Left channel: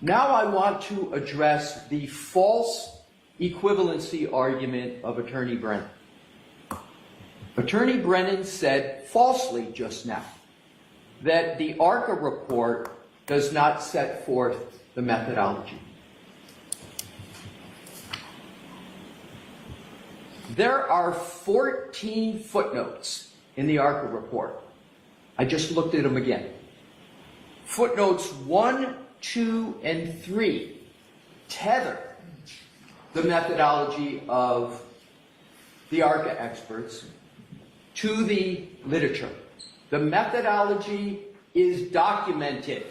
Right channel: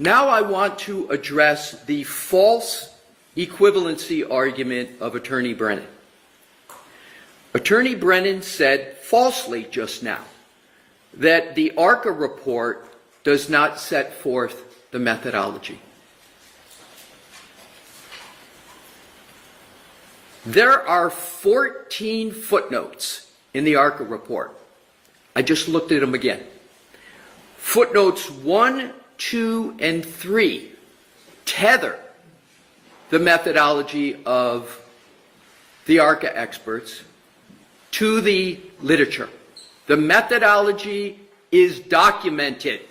Now I want to address the false equivalency argument of Attorney Brennan. Attorney Brennan said falsely just now that the ARCA report does not set forth the methodology. There are 14 footnotes in the ARCA report. I just looked at them again. Footnotes 1, 2, and 3 tether the methodology of the ARCA experts to the literature. The methodology is documented.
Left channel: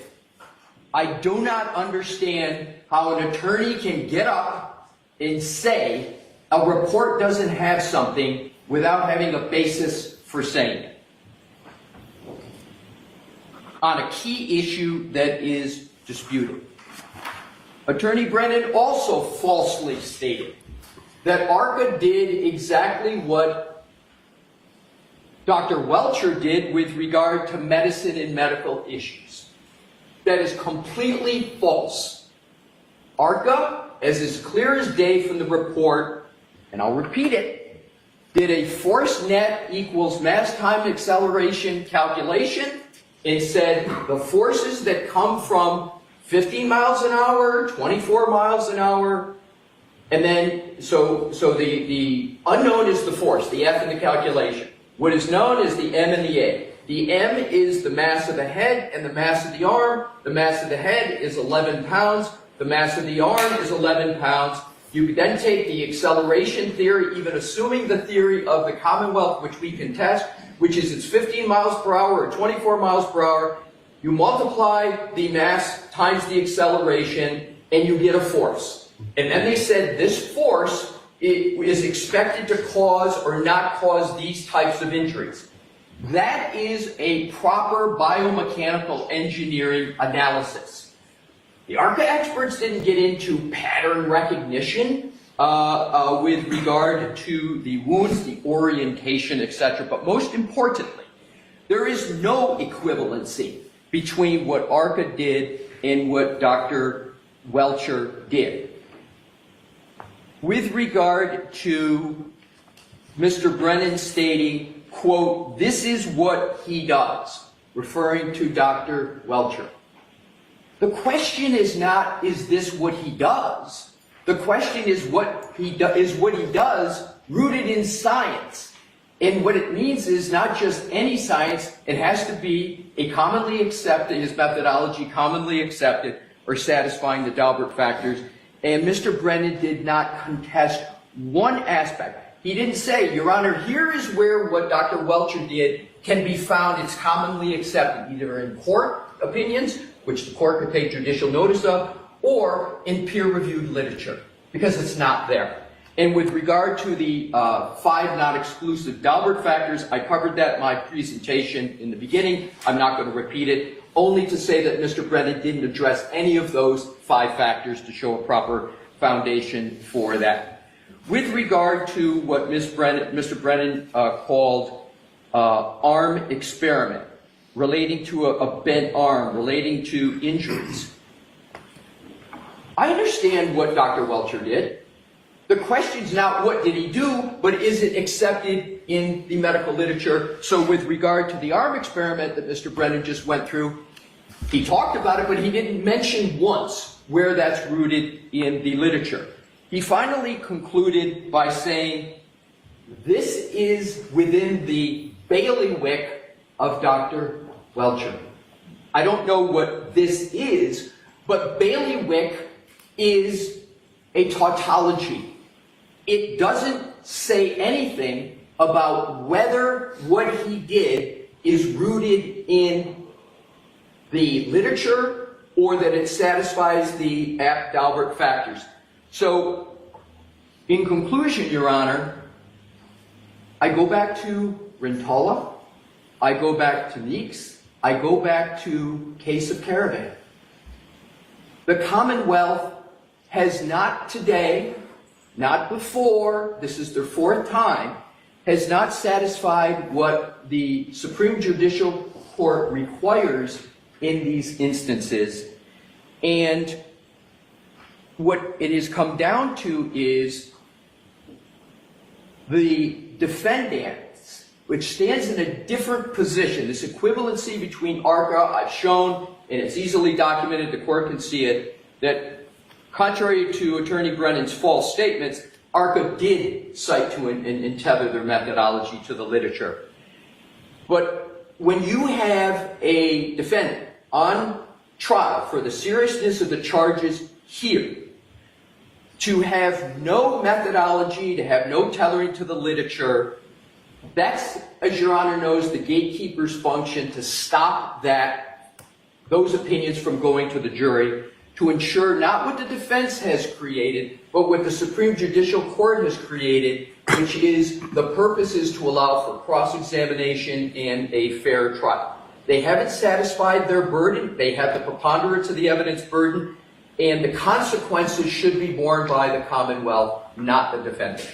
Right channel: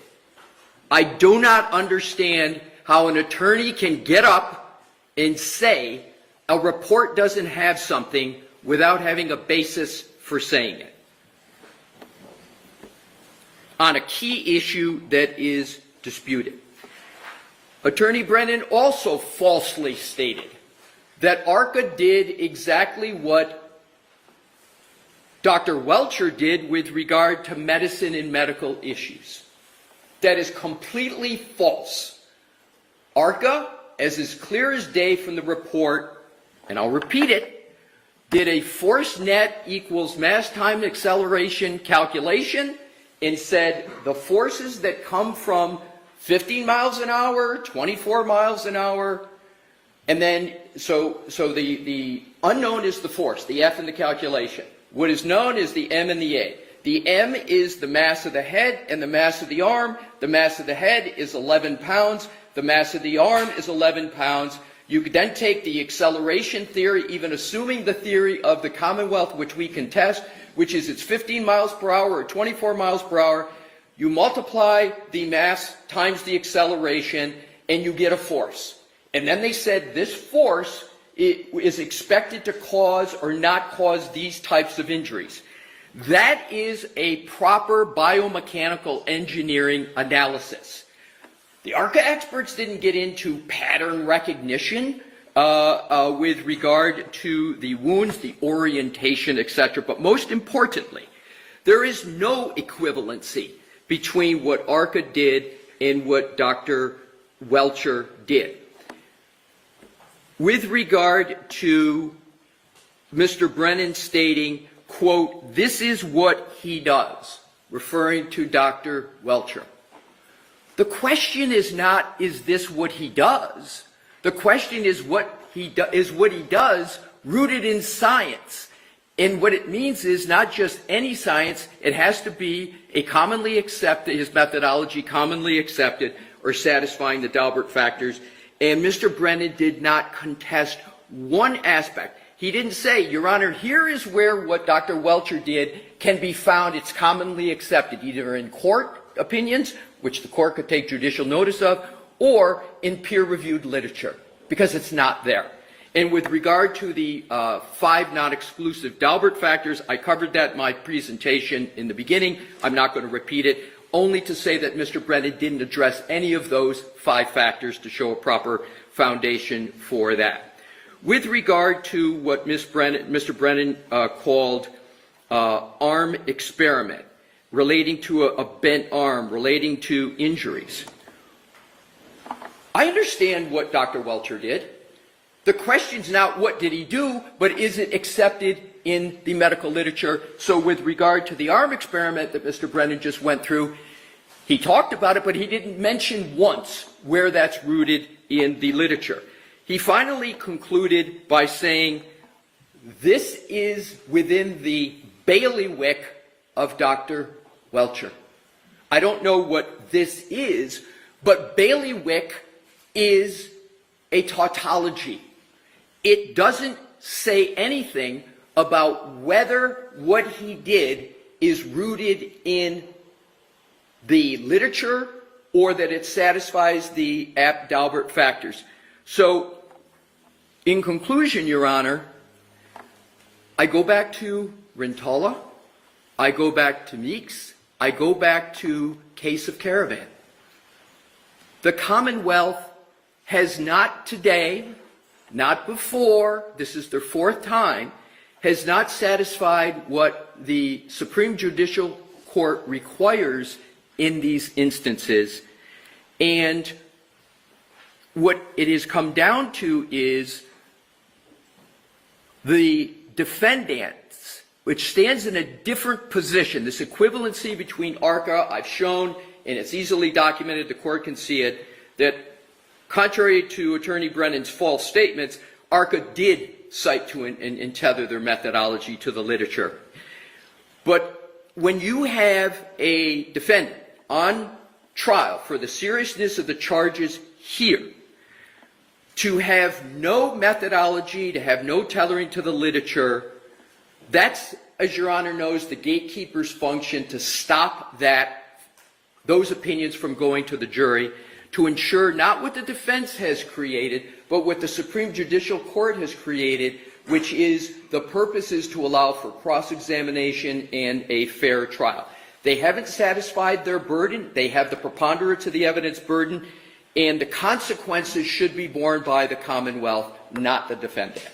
I do not understand how an attorney can get up and say a report doesn't have something without having a basis for saying it on a key issue that is disputed. Attorney Brennan also falsely stated that ARCA did exactly what Dr. Welchire did with regard to medicine and medical issues. That is completely false. ARCA, as is clear as day from the report, and I'll repeat it, did a force net equals mass time acceleration calculation and said the forces that come from 15 miles an hour, 24 miles an hour, and then, so the unknown is the force, the F in the calculation. What is known is the M and the A. The M is the mass of the head and the mass of the arm. The mass of the head is 11 pounds. The mass of the arm is 11 pounds. You then take the acceleration theory, even assuming the theory of the Commonwealth, which we can test, which is it's 15 miles per hour or 24 miles per hour. You multiply the mass times the acceleration, and you get a force. And then they said this force is expected to cause or not cause these types of injuries. That is a proper biomechanical engineering analysis. The ARCA experts didn't get into pattern recognition with regard to the wounds, the orientation, etc. But most importantly, there is no equivalency between what ARCA did and what Dr. Welchire did. With regard to Mr. Brennan stating, quote, this is what he does, referring to Dr. Welchire. The question is not, is this what he does? The question is what he does rooted in science. And what it means is not just any science, it has to be a commonly accepted, his methodology commonly accepted or satisfying the Dalbert factors. And Mr. Brennan did not contest one aspect. He didn't say, Your Honor, here is where what Dr. Welchire did can be found, it's commonly accepted, either in court opinions, which the court could take judicial notice of, or in peer-reviewed literature, because it's not there. And with regard to the 5 non-exclusive Dalbert factors, I covered that in my presentation in the beginning. I'm not going to repeat it, only to say that Mr. Brennan didn't address any of those 5 factors to show a proper foundation for that. With regard to what Mr. Brennan called arm experiment, relating to a bent arm, relating to injuries, I understand what Dr. Welchire did. The question is not what did he do, but is it accepted in the medical literature? So with regard to the arm experiment that Mr. Brennan just went through, he talked about it, but he didn't mention once where that's rooted in the literature. He finally concluded by saying, this is within the bailiwick of Dr. Welchire. I don't know what this is, but bailiwick is a tautology. It doesn't say anything about whether what he did is rooted in the literature or that it satisfies the Dalbert factors. So, in conclusion, Your Honor, I go back to Rintala, I go back to Meeks, I go back to Case of Caravan. The Commonwealth has not today, not before, this is their 4th time, has not satisfied what the Supreme Judicial Court requires in these instances. And what it has come down to is the defendants, which stands in a different position. This equivalency between ARCA, I've shown, and it's easily documented, the court can see it, that contrary to Attorney Brennan's false statements, ARCA did cite to and tether their methodology to the literature. But when you have a defendant on trial for the seriousness of the charges here, to have no methodology, to have no tethering to the literature, that's, as Your Honor knows, the gatekeeper's function to stop those opinions from going to the jury, to ensure not what the defense has created, but what the Supreme Judicial Court has created, which is the purpose is to allow for cross-examination and a fair trial. They haven't satisfied their burden. They have the preponderance of the evidence burden, and the consequences should be borne by the Commonwealth, not the defendant.